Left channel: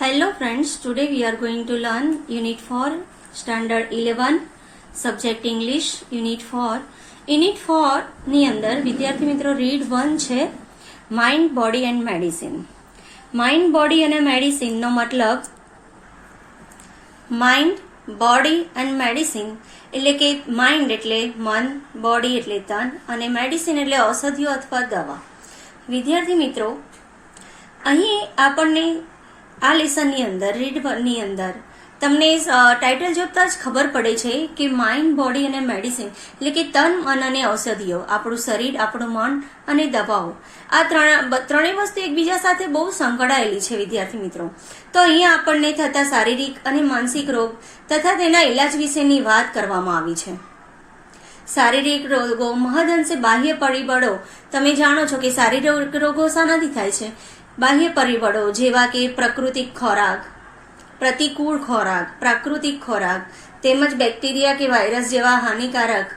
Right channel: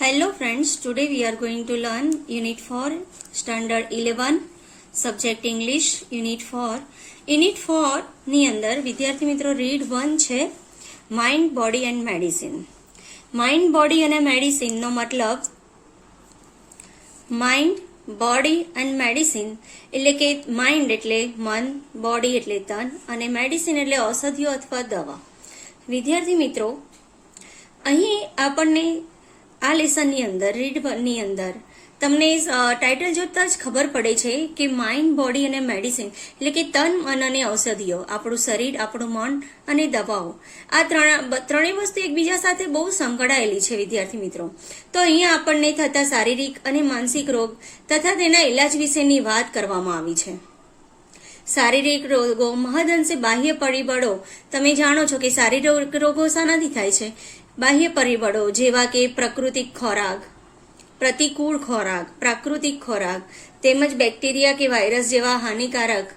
Hello friends, today we are going to learn Unit 4, Standard 11, Subject English, Unit 4. Unit 4 ની અંદર વિદ્યાર્થી મિત્રો read 1 છે mind, body and medicine. Mind, body અને મેડિસિનનો મતલબ માઇન્ડ, બોડી એન્ડ મેડિસિન એટલે કે માઇન્ડ એટલે મન, બોડી એટલે તન અને મેડિસિન એટલે ઔષધિઓ અથવા દવા. વિદ્યાર્થી મિત્રો, અહીં આપણને આ લેસનની અંદર રીડ ની અંદર તમને ટાઇટલ જોતા જ ખબર પડે છે કે માઇન્ડ, બોડી અને મેડિસિન એટલે કે તન, મન અને ઔષધિઓ, આપણું શરીર, આપણું મન અને દવાઓ, આ ત્રણેય વસ્તુ એકબીજા સાથે બહુ સંકળાયેલી છે વિદ્યાર્થી મિત્રો. તો અહીંયા આપણને થતા શારીરિક અને માનસિક રોગ તથા તેના ઇલાજ વિશેની વાત કરવામાં આવી છે. શારીરિક રોગો મહદઅંશે બાહ્ય પરિબળો, તમે જાણો છો કે શારીરિક રોગો શાનાથી થાય છે? બાહ્ય પરિબળો જેવા કે પ્રકૃતિક ખોરાક, પ્રતિકૂળ ખોરાક, પ્રાકૃતિક ખોરાક તેમજ બેક્ટેરિયા કે વાયરસ જેવા હાનિકારક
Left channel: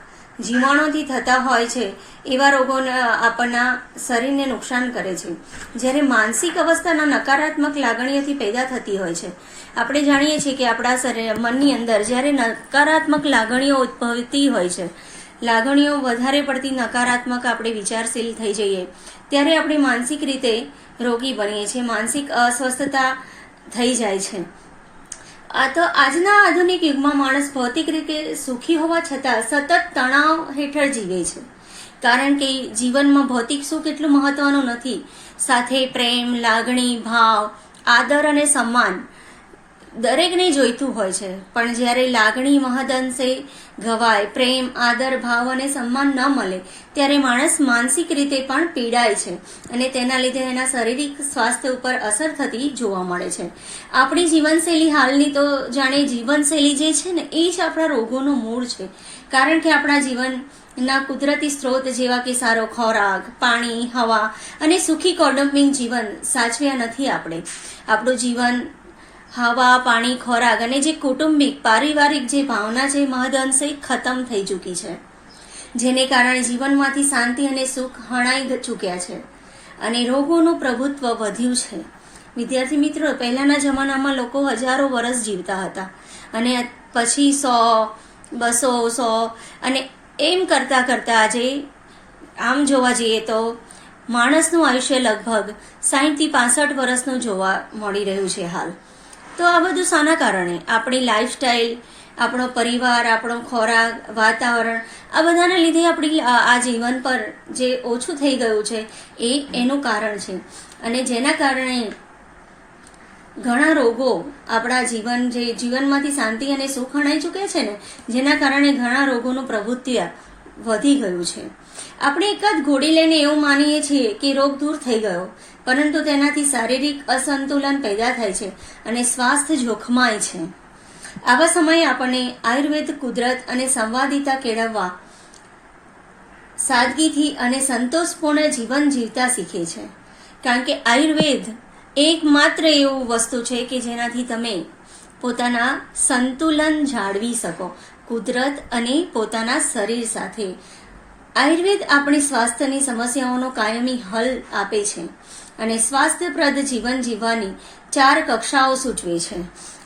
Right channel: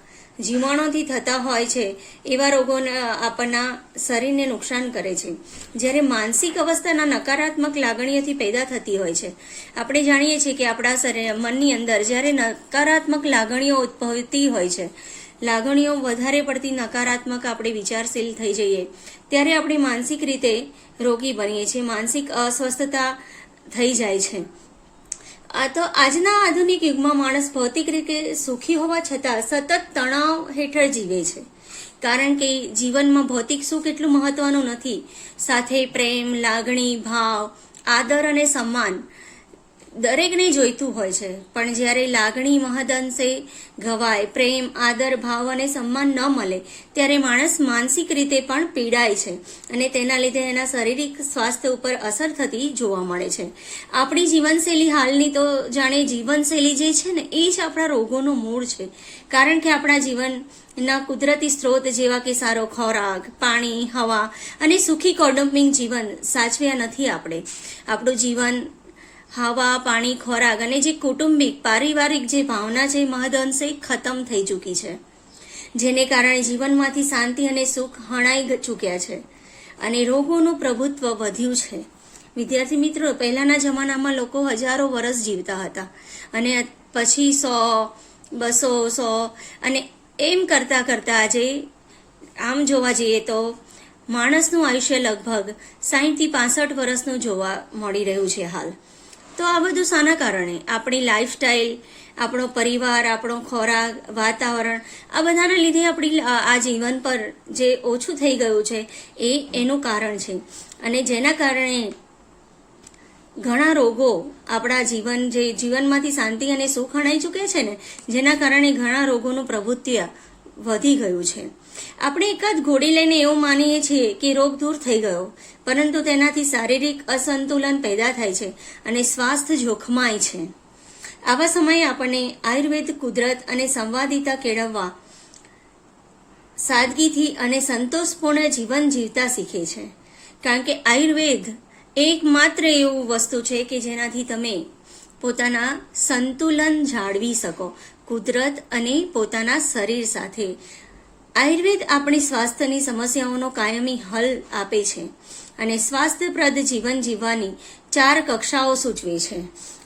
જીવાણુથી થતા હોય છે એવા રોગોને આપણના શરીરને નુકસાન કરે છે. જ્યારે માનસિક અવસ્થાના નકારાત્મક લાગણીઓથી પેદા થતી હોય છે. આપણે જાણીએ છીએ કે આપણા મનની અંદર જ્યારે નકારાત્મક લાગણીઓ ઉદ્ભવતી હોય છે, લાગણીઓ વધારે પડતી નકારાત્મક આપણે વિચારશીલ થઈ જઈએ ત્યારે આપણે માનસિક રીતે રોગી બનીએ છીએ, માનસિક અસ્વસ્થતા થઈ જાય છે. આ તો આજના આધુનિક યુગમાં માણસ ભૌતિક રીતે સુખી હોવા છતાં સતત તણાવ હેઠળ જીવે છે. કારણ કે જીવનમાં ભૌતિક સુખ એટલું મહત્વનું નથી, સાથે પ્રેમ, લાગણી, ભાવ, આદર અને સન્માન દરેકને જોઈતું હોય છે. પણ જ્યારે લાગણી મહદઅંશે ઘવાય, પ્રેમ, આદર, ભાવ અને સન્માન ન મળે ત્યારે માણસ માનસિક રીતે પણ પીડાય છે અને તેના લીધે એના શારીરિક સ્વાસ્થ્ય ઉપર અસર થતી જોવા મળે છે. આપણી જીવનશૈલી હાલની તો જાણે જીવનશૈલી જે છે ને એ જ આપણા રોગોનું મૂળ છે. કારણ કે આપણા જીવનના કુદરતી સ્ત્રોત જેવા કે સારો ખોરાક, પાણી, હવા અને સુખી કૌટુંબિક જીવન સાચવ્યા નથી. આપણું જીવન હવા, પાણી, ખોરાક અને જે કૌટુંબિક પારિવારિક જે ભાવના છે મહદઅંશે ખતમ થઈ ચૂકી છે, જેને કારણે જીવનમાંથી શાંતિ અને સુખ હણાઈ ચૂક્યા છે અને રોગોનું પ્રભુત્વ વધ્યું છે. વિદ્યાર્થી મિત્રો, પહેલાના જમાનામાં લોકો હજારો વર્ષ જીવતા હતા અને પછી 100, 200, 100 અને એમ કરતા કરતા આજે આમ જોવા જઈએ તો માણસનું આયુષ્ય લગભગ 60 થી 65 વર્ષનું જોવા મળી રહ્યું છે હાલ. તો આ બધું શાના કારણે? આપણી લાઈફસ્ટાઈલ, આપણો પરિવાર, આપણો ખોરાક, વાતાવરણ, આ બધાના લીધે આપણી આ જીવન પર જે ઓછું થઈ ગયું છે એનું કારણ છે. અને જેના કારણે ઘણા રોગો આપણા જીવનમાંથી શાંતિ અને સુખ હણાઈ ચૂકે છે ને, જેના કારણે ઘણા રોગોનું પ્રભુત્વ વધી ગયું છે. આપણે એકાદ ગોળી લઈને એવું માનીએ છીએ કે રોગ દૂર થઈ ગયો, પરંતુ તેનાથી શારીરિક અસંતુલન પેદા થાય છે અને સ્વાસ્થ્ય જોખમાય છે. આવા સમયે આપણને આયુર્વેદ કુદરત અને સંવાદિતા કેળવવા, સાદગીથી અને સંતોષપૂર્ણ જીવન જીવતા શીખે છે. કારણ કે આયુર્વેદ એકમાત્ર એવું વસ્તુ છે કે જેનાથી તમે પોતાના સંતુલન જાળવી શકો કુદરત અને પોતાના શરીર સાથે. આયુર્વેદ આપણી સ્વાસ્થ્યની સમસ્યાઓનો કાયમી હલ આપે છે અને સ્વાસ્થ્યપ્રદ જીવન જીવવાની 4 કક્ષાઓ સૂચવે છે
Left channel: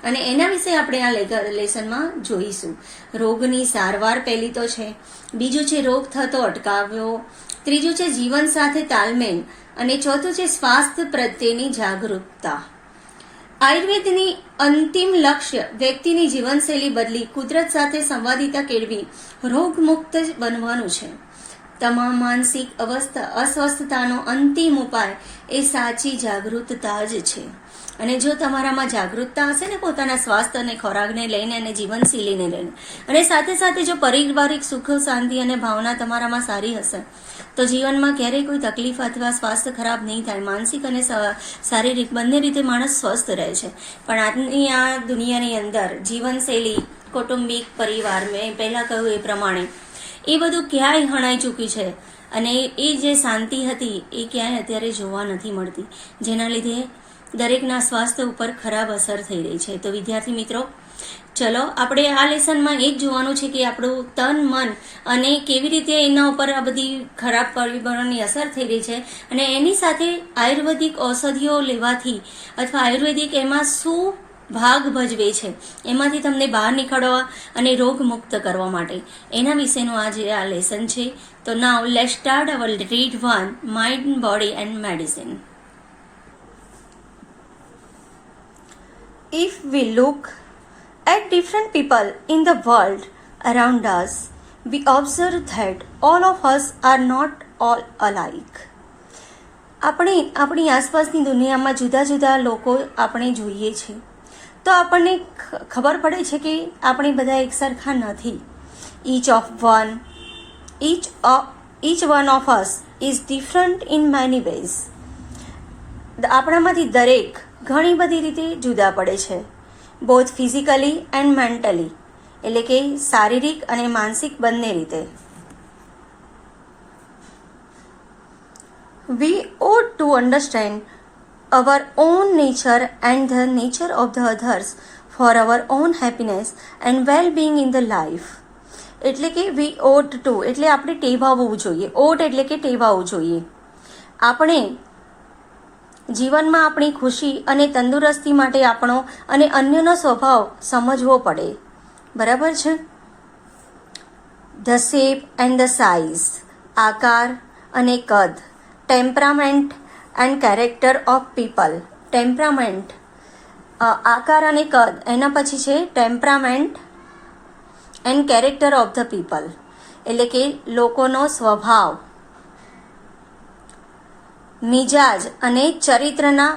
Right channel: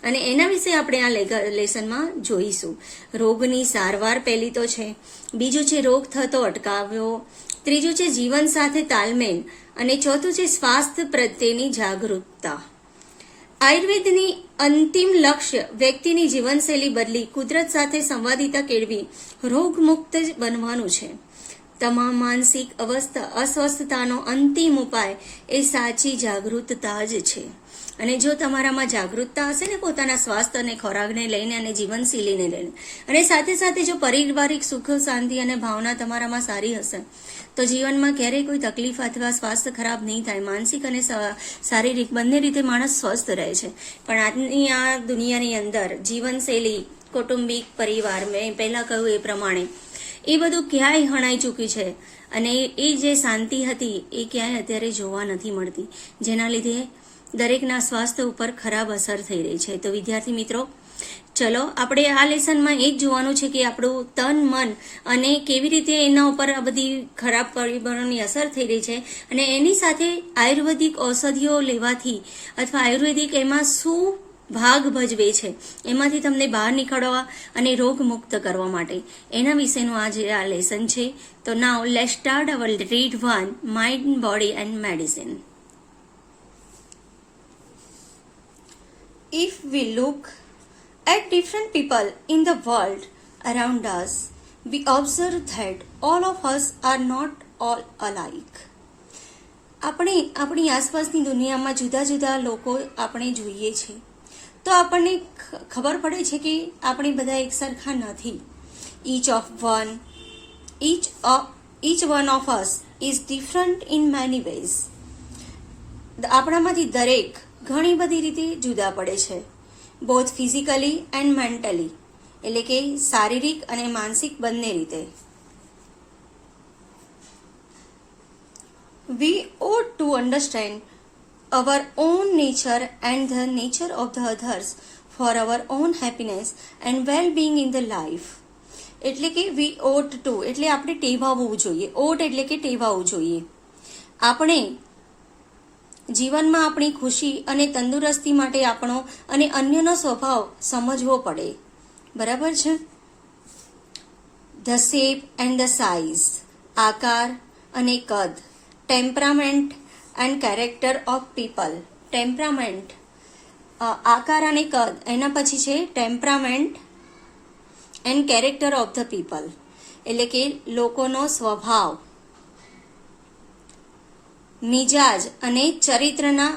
અને એના વિશે આપણે આ લેસનમાં જોઈશું. રોગની સારવાર પહેલી તો છે, બીજું છે રોગ થતો અટકાવવો, ત્રીજું છે જીવન સાથે તાલમેલ અને ચોથું છે સ્વાસ્થ્ય પ્રત્યેની જાગૃતતા. આયુર્વેદની અંતિમ લક્ષ્ય વ્યક્તિની જીવનશૈલી બદલી કુદરત સાથે સંવાદિતા કેળવી રોગમુક્ત બનવાનું છે. તમામ માનસિક અસ્વસ્થતાનો અંતિમ ઉપાય એ સાચી જાગૃતતા જ છે. અને જો તમારામાં જાગૃતતા હશે ને પોતાના સ્વાસ્થ્ય અને ખોરાકને લઈને અને જીવનશૈલીને લઈને, અને સાથે સાથે જો પારિવારિક સુખ, શાંતિ અને ભાવના તમારામાં સારી હશે તો જીવનમાં ક્યારેય કોઈ તકલીફ અથવા સ્વાસ્થ્ય ખરાબ નહીં થાય. માનસિક અને શારીરિક બંને રીતે માણસ સ્વસ્થ રહે છે. પણ આજની આ દુનિયાની અંદર જીવનશૈલી, કૌટુંબિક પરિવાર, મેં પહેલા કહ્યું એ પ્રમાણે એ બધું ક્યાંય હણાઈ ચૂક્યું છે અને એ જે શાંતિ હતી એ ક્યાંય અત્યારે જોવા નથી મળતી. જેના લીધે દરેકના સ્વાસ્થ્ય ઉપર ખરાબ અસર થઈ રહી છે. તો વિદ્યાર્થી મિત્રો, ચલો આપણે આ લેસનમાં એ જ જોવાનું છે કે આપણું તન મન અને કેવી રીતે એના ઉપર આ બધી ખરાબ પરિબળોની અસર થઈ રહી છે, અને એની સાથે આયુર્વેદિક ઔષધિઓ લેવાથી અથવા આયુર્વેદિક એમાં શું ભાગ ભજવે છે એમાંથી તમને બહાર નીકળવા અને રોગ મુક્ત કરવા માટે એના વિશેનું આ લેસન છે. તો now let's start our read 1, mind, body and medicine. If we look at different people in the world around us, we observe that all of us are not all alike. આપણે આપણી આસપાસની દુનિયામાં જુદા જુદા લોકો આપણે જોઈએ છીએ તો આપણને ખબર પડે છે કે આપણે બધા એક સરખા નથી. each one of us is different in many ways. આપણામાંથી દરેક ઘણી બધી રીતે જુદા પડે છે, બોથ ફિઝિકલી એન્ડ મેન્ટલી, એટલે કે શારીરિક અને માનસિક બંને રીતે. We ought to understand our own nature and the nature of the others for our own happiness and well-being in the life. એટલે કે we ought to એટલે આપણે ટેવાવવું જોઈએ. ought એટલે કે ટેવાવવું જોઈએ. આપણે જીવનમાં આપણી ખુશી અને તંદુરસ્તી માટે આપણો અને અન્યનો સ્વભાવ સમજવો પડે. બરાબર છે? The shape and the size, આકાર અને કદ, temperament and character of people. Temperament, આકાર અને કદ, એના પછી છે temperament and character of the people, એટલે કે લોકોનો સ્વભાવ, મિજાજ અને ચરિત્રના.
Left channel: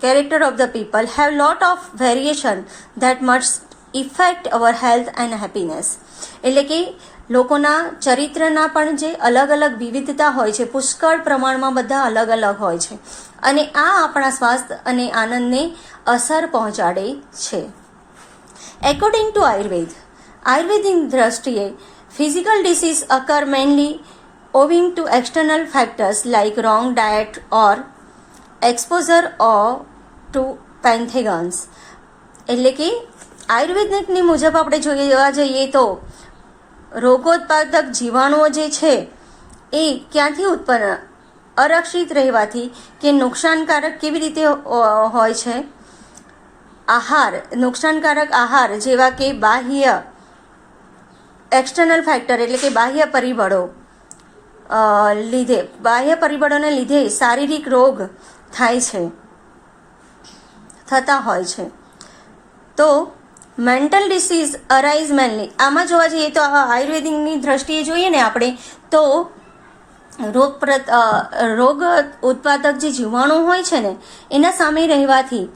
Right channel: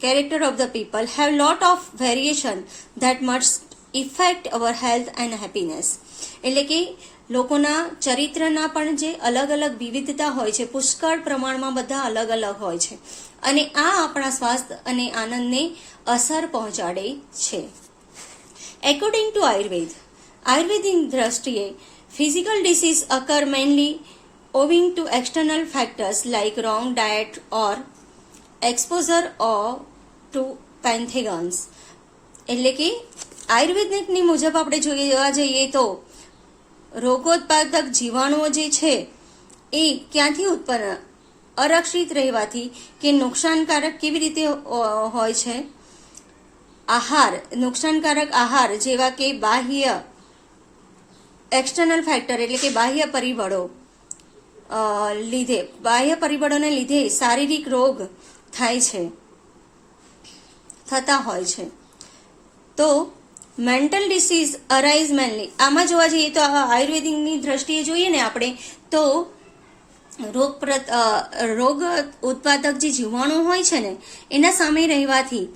Character of the people have lot of variation that must affect our health and happiness. એટલે કે લોકોના ચરિત્રના પણ જે અલગ અલગ વિવિધતા હોય છે, પુષ્કળ પ્રમાણમાં બધા અલગ અલગ હોય છે, અને આ આપણા સ્વાસ્થ્ય અને આનંદને અસર પહોંચાડે છે. એકોર્ડિંગ ટુ આયુર્વેદની દ્રષ્ટિએ physical disease અકર mainly owing to external factors like wrong diet or exposure or to pathogens. એટલે કે આયુર્વેદની મુજબ આપણે જોવા જઈએ તો રોગોત્પાદક જીવાણુઓ જે છે એ ક્યાંથી ઉત્પન્ન, અરક્ષિત રહેવાથી કે નુકસાનકારક કેવી રીતે હોય છે, આહાર, નુકસાનકારક આહાર જેવા કે બાહ્ય એક્સટર્નલ ફેક્ટર એટલે કે બાહ્ય પરિબળોને લીધે શારીરિક રોગ થતા હોય છે. તો મેન્ટલ ડિસીઝ અરાઇઝ મેનલી, આમાં જોવા જઈએ તો આયુર્વેદિકની દ્રષ્ટિએ જોઈએ ને આપણે તો રોગ ઉત્પાદક જે જીવાણુ હોય છે ને એના સામે રહેવાથી,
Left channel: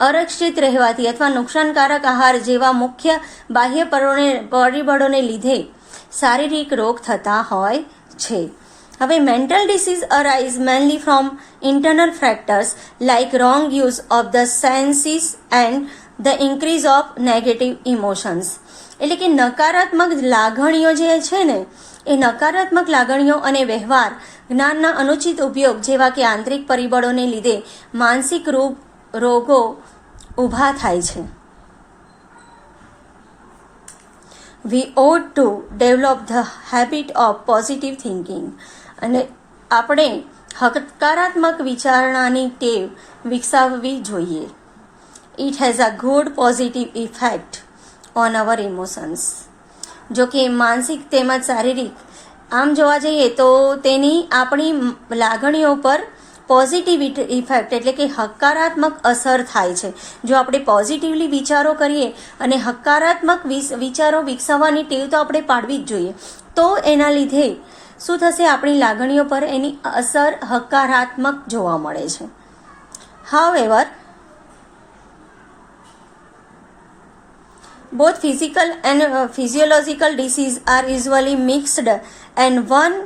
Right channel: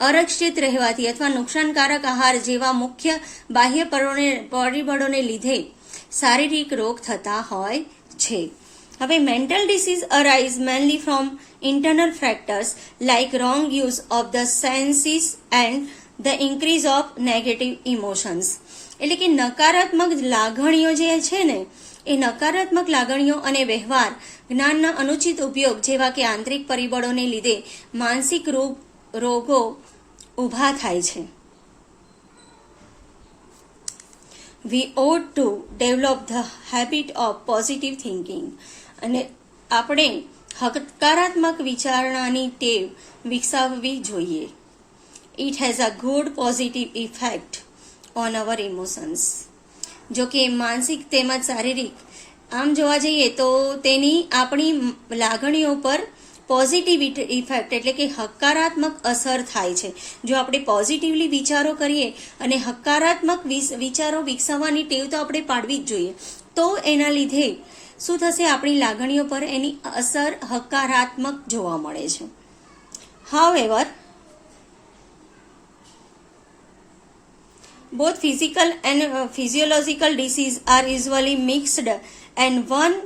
અરક્ષિત રહેવાથી અથવા નુકસાનકારક આહાર જેવા મુખ્ય બાહ્ય પરિબળોને લીધે શારીરિક રોગ થતા હોય છે. હવે mental disease arise mainly from internal factors like wrong use of the senses and the increase of negative emotions. એટલે કે નકારાત્મક લાગણીઓ જે છે ને એ નકારાત્મક લાગણીઓ અને વ્યવહાર જ્ઞાનના અનુચિત ઉપયોગ જેવા કે આંતરિક પરિબળોને લીધે માનસિક રોગો ઊભા થાય છે. We ought to develop the habit of positive thinking. અને આપણે હકારાત્મક વિચારણાની ટેવ વિકસાવવી જોઈએ. It has a good positive effect on our emotions. જો કે માનસિક તેમજ શારીરિક આમ જોવા જઈએ તો તેની આપણી લાગણીઓ પર પોઝિટિવ ઇફેક્ટ એટલે કે હકારાત્મક અસર થાય છે. જો આપણે પોઝિટિવલી વિચારો કરીએ અને હકારાત્મક વિચારો વિકસાવવાની ટેવ તો આપણે પાડવી જ જોઈએ, તો એના લીધે શું થશે, આપણી લાગણીઓ પર એની અસર હકારાત્મક જોવા મળે છે. However, both physical and physiological disease are usually mixed and one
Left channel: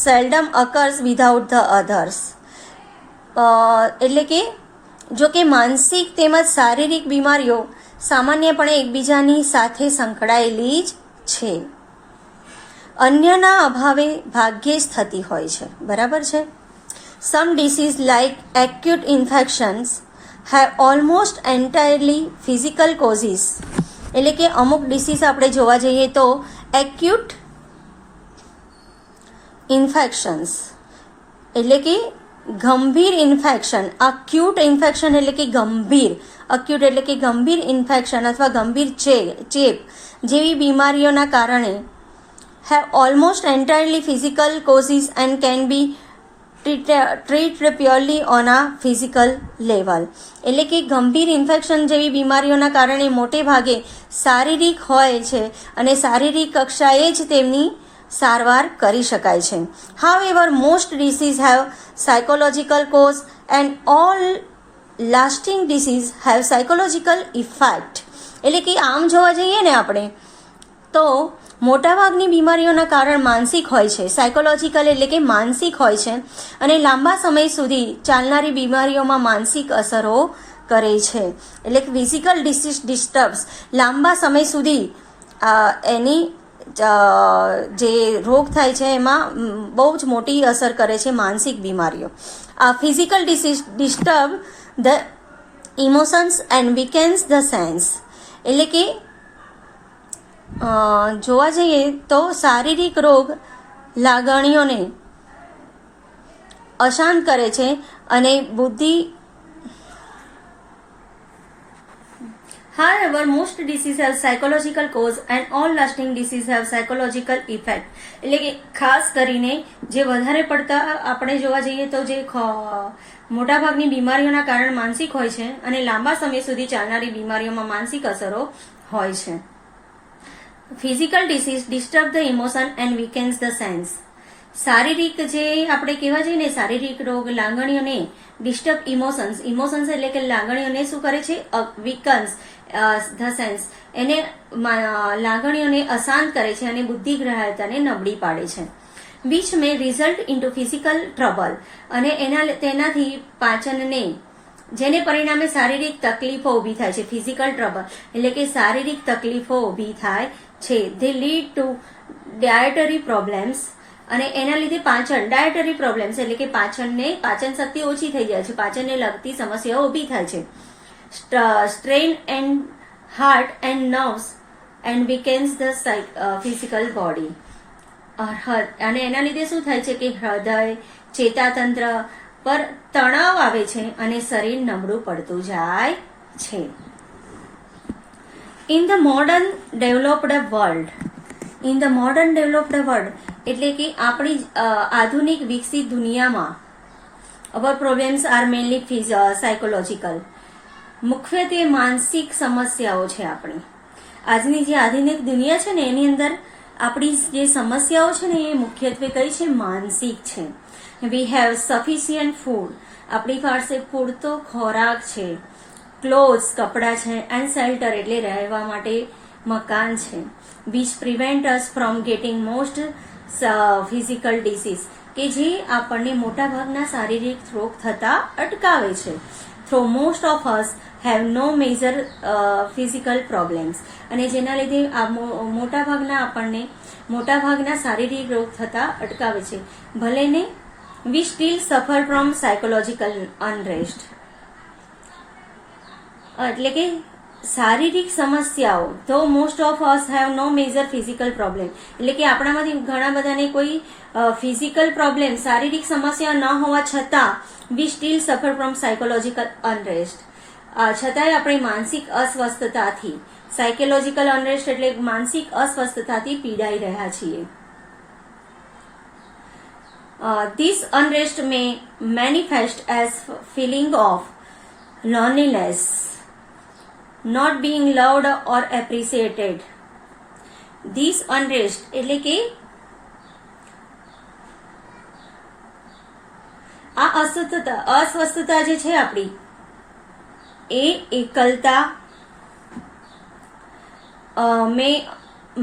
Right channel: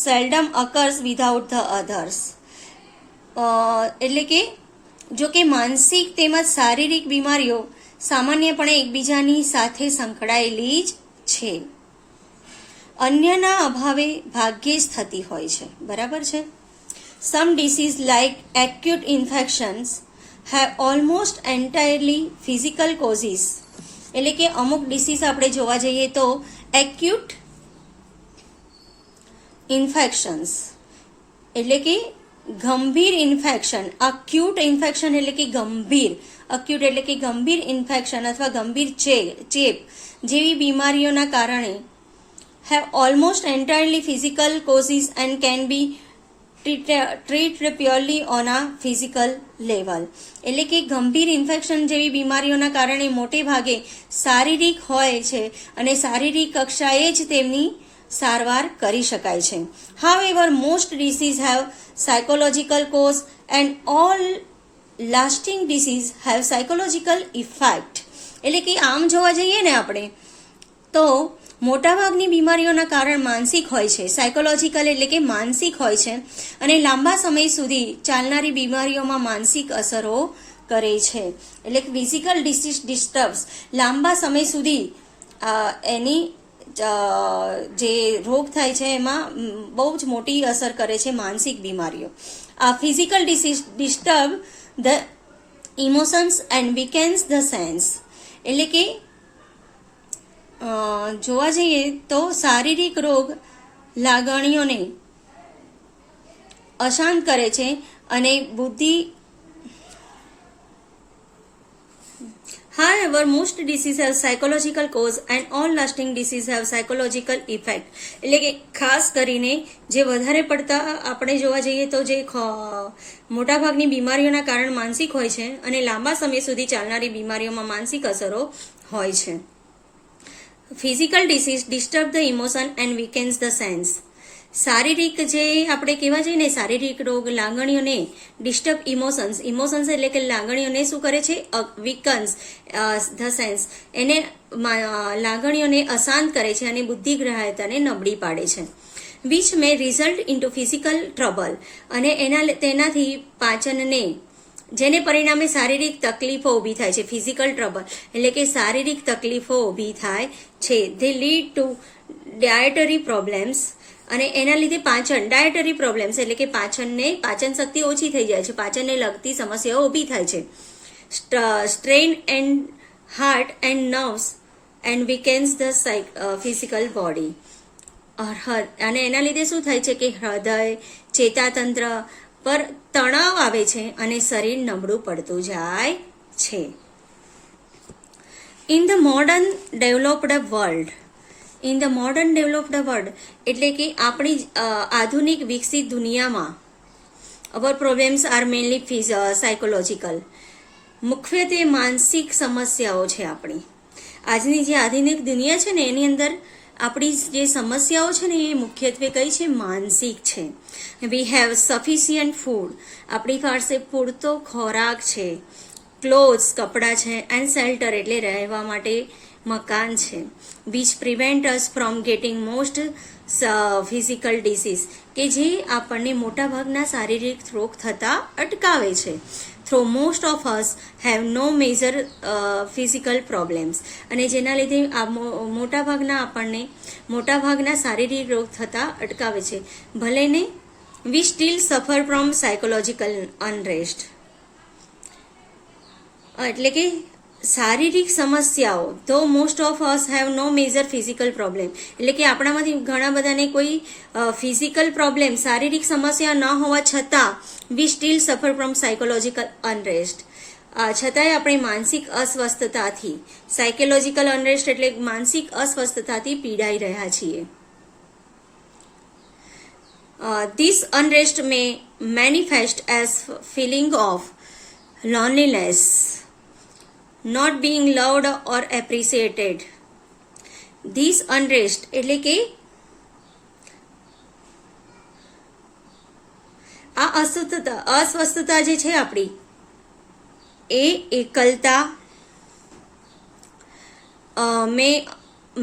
seldom occurs without the others. એટલે કે જો કે માનસિક તેમજ શારીરિક બીમારીઓ સામાન્યપણે એકબીજાની સાથે સંકળાયેલી જ છે, અન્યના અભાવે ભાગ્યે જ થતી હોય છે. બરાબર છે? Some disease like acute infections have almost entirely physical causes. એટલે કે અમુક ડિસીઝ આપણે જોવા જઈએ તો એક્યુટ ઇન્ફેક્શન્સ એટલે કે ગંભીર ઇન્ફેક્શન, અક્યુટ ઇન્ફેક્શન એટલે કે ગંભીર, અક્યુટ એટલે કે ગંભીર ઇન્ફેક્શન અથવા ગંભીર ચેપ જેવી બીમારીઓના કારણે have almost entirely physical causes and can be treated purely on a physical level. એટલે કે ગંભીર ઇન્ફેક્શન જેવી બીમારીઓના કારણે મોટે ભાગે શારીરિક હોય છે અને શારીરિક કક્ષાએ જ તેમની સારવાર કરી શકાય છે. However, most diseases have psychological cause and all lasting disease have psychological effect. એટલે કે આમ જોવા જઈએ ને આપણે તો મોટાભાગની બીમારીઓના કારણ માનસિક હોય છે, સાયકોલોજીકલ એટલે કે માનસિક હોય છે અને લાંબા સમય સુધી ચાલનારી બીમારીઓમાં માનસિક અસરો કરે છે. એટલે કે ફિઝિકલ ડિસ્ટર્બ્સ લાંબા સમય સુધી એની જે રોગ થાય છે એમાં બહુ જ મોટી અસર કરે છે માનસિક બીમારીઓ. આ physical disturb the emotions and weakens the sense. એટલે કે જોવા જઈએ તો શારીરિક રોગ લાગણીઓને અશાંત કરે છે અને બુદ્ધિ. However, most diseases have psychological cause and all lasting diseases have psychological effect. એટલે કે ખાસ કરીને જે વધારે પડતા આપણે જોવા જઈએ તો જે મોટાભાગની બીમારીઓના કારણ માનસિક હોય છે અને લાંબા સમય સુધી ચાલનારી બીમારીઓમાં માનસિક અસરો હોય છે. Physical disease disturb the emotion and weakens the sense. શારીરિક જે આપણે કહેવા જઈએ ને શારીરિક રોગ લાગણીઓને ડિસ્ટર્બ ઇમોશન્સ એટલે કે લાગણીઓને શું કરે છે, વીકન્સ ધ સેન્સ એને લાગણીઓને અશાંત કરે છે અને બુદ્ધિગ્રાહ્યતાને નબળી પાડે છે. Which may result into physical trouble અને તેનાથી પાચનને જેને પરિણામે શારીરિક તકલીફો ઊભી થાય છે. ફિઝિકલ ટ્રબલ એટલે કે શારીરિક તકલીફો ઊભી થાય છે. They lead to dietary problems અને એના લીધે ડાયટરી પ્રોબ્લેમ્સ એટલે કે પાચન શક્તિ ઓછી થઈ જાય છે, પાચનને લગતી સમસ્યાઓ ઊભી થાય છે. Strain and heart and nerves and weakens the physical body. અને એના લીધે શું થાય છે કે હૃદય, ચેતાતંત્ર પર તણાવ આવે છે અને શરીર નબળું પડતું જાય છે. In the modern developed world એટલે કે આપણી આધુનિક વિકસિત દુનિયામાં અવર પ્રોબ્લેમ્સ આર મેનલી સાયકોલોજીકલ. મુખ્યત્વે માનસિક સમસ્યાઓ છે આપણી. આજની જે આધુનિક દુનિયા છે ને એની અંદર આપણી જે સમસ્યાઓ છે ને એ મુખ્યત્વે કઈ છે, માનસિક છે. વી હેવ સફિશિયન્ટ ફૂડ, આપણી પાસે પૂરતો ખોરાક છે. ક્લોથ્સ, કપડાં છે. એન્ડ શેલ્ટર એટલે રહેવા માટે મકાન છે. Which prevent us from getting most physical disease કે જે આપણને મોટાભાગના શારીરિક રોગ થતા અટકાવે છે. Through most of us have no major physical problems અને જેના લીધે આ મોટાભાગના શારીરિક રોગ થતા અટકાવે છે. ભલે ને we still suffer from psychological unrest. એટલે કે શારીરિક સમસ્યાઓ તો most of us have no major physical problem એટલે કે આપણામાંથી ઘણા બધાને કોઈ ફિઝિકલ પ્રોબ્લેમ, શારીરિક સમસ્યા ન હોવા છતાં we still suffer from psychological unrest. છતાંય આપણે માનસિક અસ્વસ્થતાથી, સાયકોલોજીકલ અનરેસ્ટ એટલે માનસિક અસ્વસ્થતાથી પીડાઈ રહ્યા છીએ. This unrest may manifest as feeling of loneliness, not being loved or appreciated. This unrest એટલે કે આ અસ્વસ્થતા જે છે આપણી એ એકલતા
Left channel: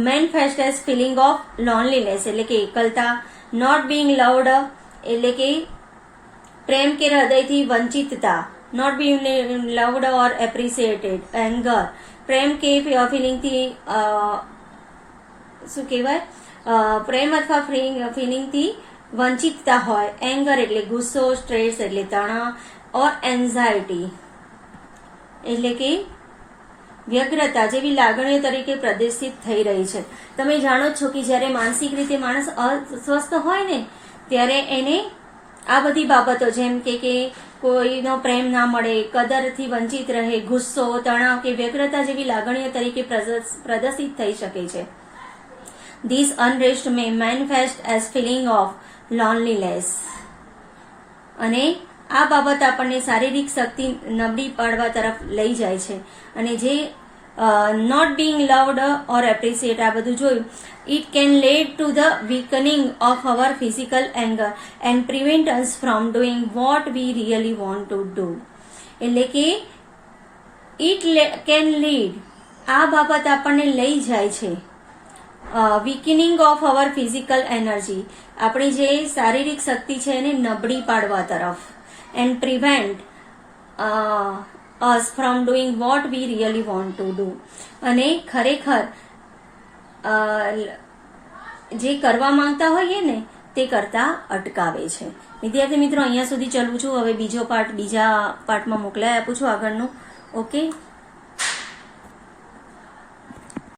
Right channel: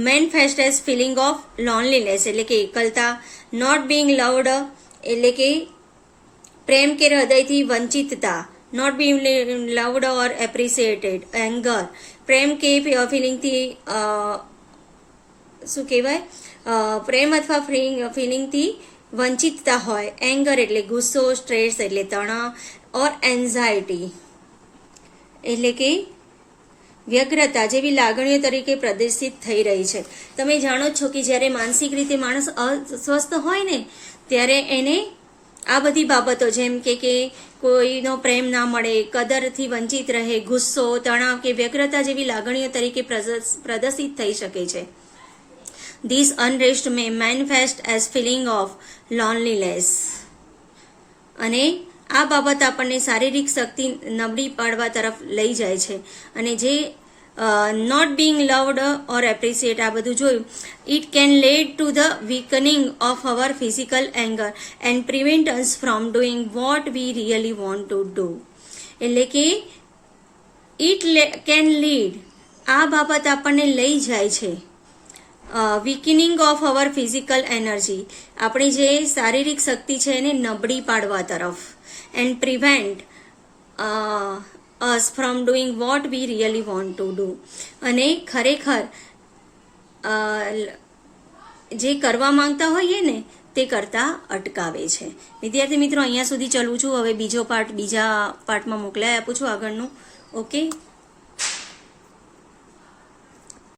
manifest as feeling of loneliness એટલે કે એકલતા. નોટ બિંગ લવડ એટલે કે પ્રેમ કે હૃદયથી વંચિતતા. Not being loved or appreciated. Anger પ્રેમ કે ફિલિંગથી શું કહેવાય, પ્રેમ અથવા ફિલિંગથી વંચિતતા હોય, એંગર એટલે ગુસ્સો, સ્ટ્રેસ એટલે તણાવ, ઓર એન્ઝાયટી એટલે કે વ્યગ્રતા જેવી લાગણીઓ તરીકે પ્રદર્શિત થઈ રહી છે. તમે જાણો છો કે જ્યારે માનસિક રીતે માણસ અસ્વસ્થ હોય ને ત્યારે એને આ બધી બાબતો જેમ કે કોઈનો પ્રેમ ના મળે, કદરથી વંચિત રહે, ગુસ્સો, તણાવ કે વ્યગ્રતા જેવી લાગણીઓ તરીકે પ્રદર્શિત થઈ શકે છે. This unrest may manifest as feeling of loneliness. અને આ બાબત આપણને શારીરિક શક્તિ નબળી પાડવા તરફ લઈ જાય છે. અને જે not being loved or appreciate આ બધું જોયું, it can lead to the weakening of our physical anger and prevent us from doing what we really want to do. એટલે કે ઇટ કેન લીડ, આ બાબત આપણને લઈ જાય છે વીકનિંગ ઓફ અવર ફિઝિકલ એનર્જી, આપણી જે શારીરિક શક્તિ છે એને નબળી પાડવા તરફ, and prevent us from doing what we really want to do, અને ખરેખર જે કરવા માંગતા હોઈએ ને તે કરતા અટકાવે છે. વિદ્યાર્થી મિત્રો, અહીંયા સુધી ચલું છું. હવે બીજો પાર્ટ બીજા પાર્ટમાં મોકલાઈ આપું છું આગળનો. ઓકે.